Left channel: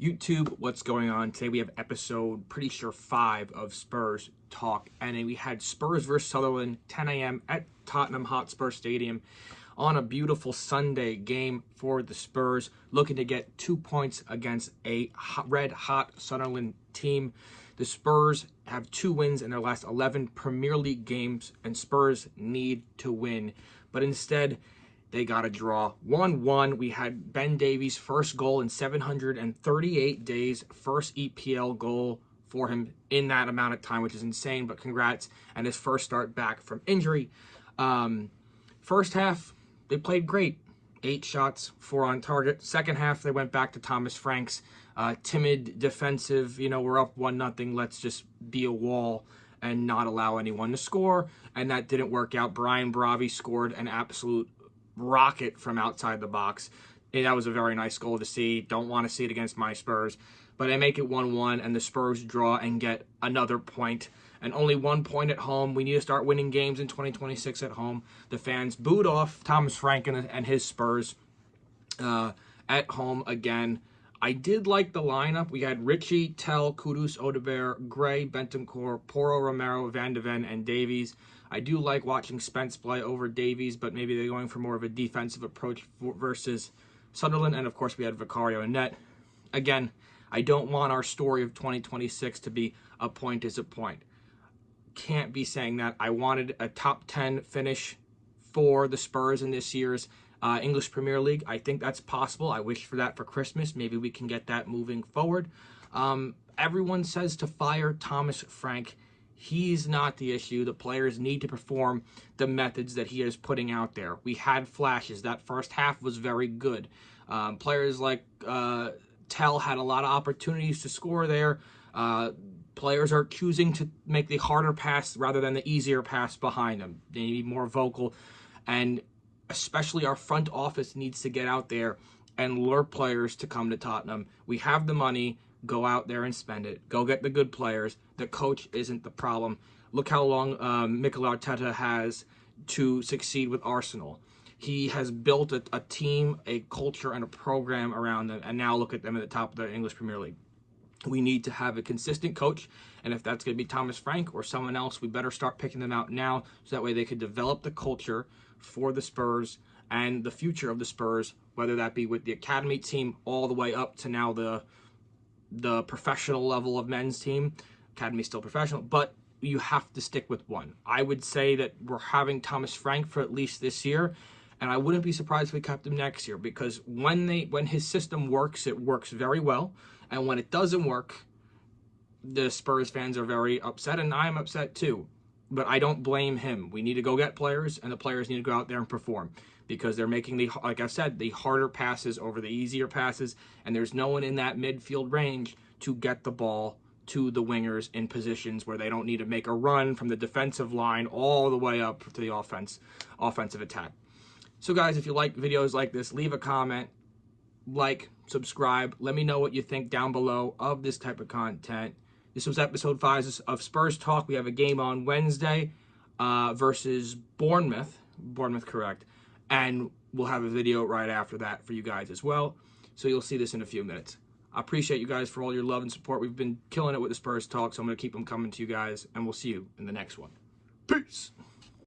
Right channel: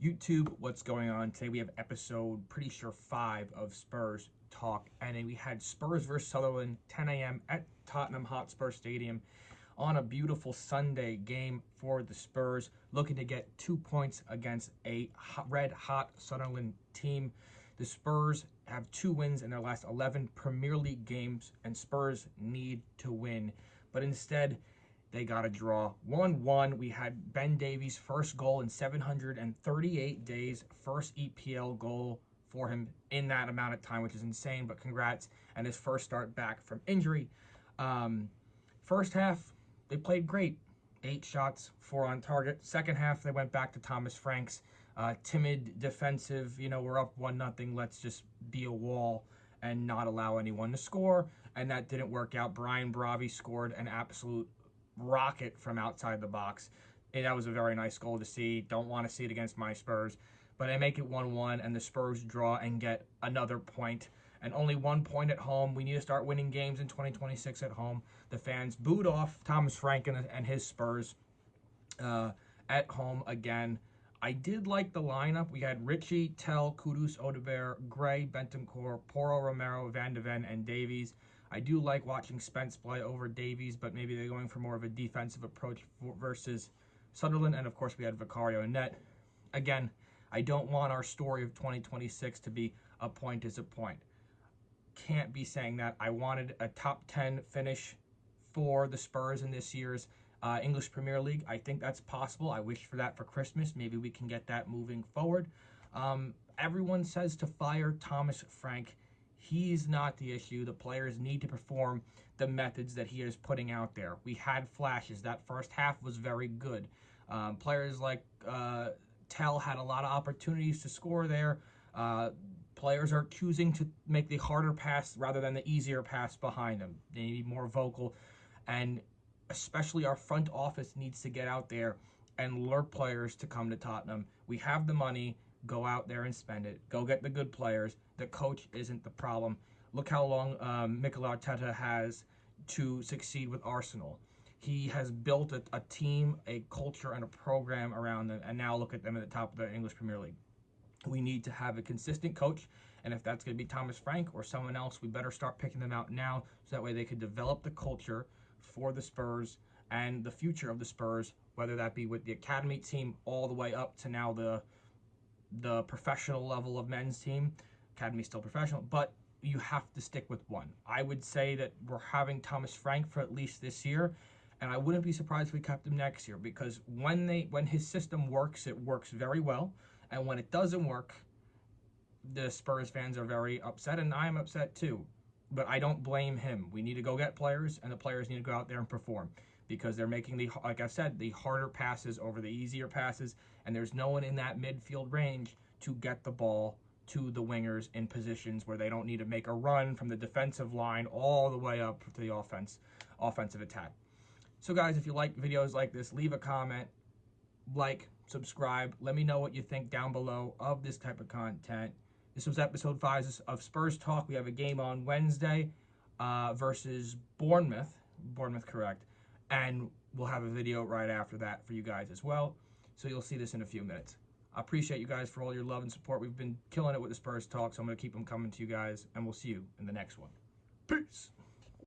YouTube, what's going on? Today we have episode, pretty sure 5 of Spurs Talk. And we had Spurs versus Sunderland, 10 a.m. at Tottenham Hotspur Stadium on a beautiful Sunday game for the Spurs, looking to get 2 points against a red-hot Sunderland team. The Spurs have 2 wins in their last 11 Premier League games, and Spurs need to win. But instead, they got a draw. 1-1. We had Ben Davies' first goal in 738 days. First EPL goal for him in that amount of time, which is insane, but congrats. And his first start back from injury. First half, they played great. 8 shots, 4 on target. Second half, they went back to Thomas Frank's timid, defensive, we're up 1-0, let's just be a wall and not allow anyone to score. And that didn't work out. Brian Bravi scored an absolute rocket from outside the box. That was a very nice goal to see. Don't want to see it against my Spurs. But I make it 1-1, and the Spurs draw and get another point. And only 1 point at home. We need to start winning games in 2026 at home. The fans booed off Thomas Frank and his Spurs at home again. I did like the lineup. We had Richie, Tell, Kudus, Odebert, Gray, Bentancur, Porro, Romero, Van de Ven, and Davies. I do like watching Spence play over Davies, but maybe they're going for more of a defensive approach versus Sunderland. And, of course, we had Vicario in net. Again, I don't want our story of 2026 to be a point is a point. Can't be saying that. I wanted a top 10 finish for the Spurs in this year's English Premier League. I think that's possible. I wish for that for Christmas. Maybe we can get that moving forward. Everyone says to fire Thomas Frank. He's not the issue. The players need to perform the methods that he is putting out there. We had flashes. That first half was very good. Players like Tell had a lot of opportunities to score there. Players are choosing to make the harder pass rather than the easier pass behind them. They need to be more vocal. And especially our front office needs to get out there and lure players to come to Tottenham. We have the money. Go out there and spend it. Go get the good players. The coach isn't the problem. Look how long Mikel Arteta has to succeed with Arsenal. He has built a team, a culture, and a program around them, and now look at them at the top of the English Premier League. We need to have a consistent coach, and if that's going to be Thomas Frank or someone else, we better start picking them out now so that way they could develop the culture for the Spurs and the future of the Spurs, whether that be with the academy team all the way up to now the professional level of men's team. Academy's still professional, but you have to stick with one. I would say that we're having Thomas Frank for at least this year, and I wouldn't be surprised if we kept him next year, because when his system works, it works very well, and when it doesn't work, the Spurs fans are very upset, and I'm upset too. But I don't blame him. We need to go get players, and the players need to go out there and perform, because they're making, like I said, the harder passes over the easier passes, and there's no one in that midfield range to get the ball to the wingers in positions where they don't need to make a run from the defensive line all the way up to the offensive attack. So, guys, if you like videos like this, leave a comment, like, subscribe. Let me know what you think down below of this type of content. This was episode 5 of Spurs Talk. We have a game on Wednesday versus Bournemouth. Bournemouth, correct. And we'll have a video right after that for you guys as well. So you'll see this in a few minutes. I appreciate you guys for all your love and support. We've been killing it with the Spurs Talk, so I'm going to keep them coming to you guys. And we'll see you in the next one. Peace.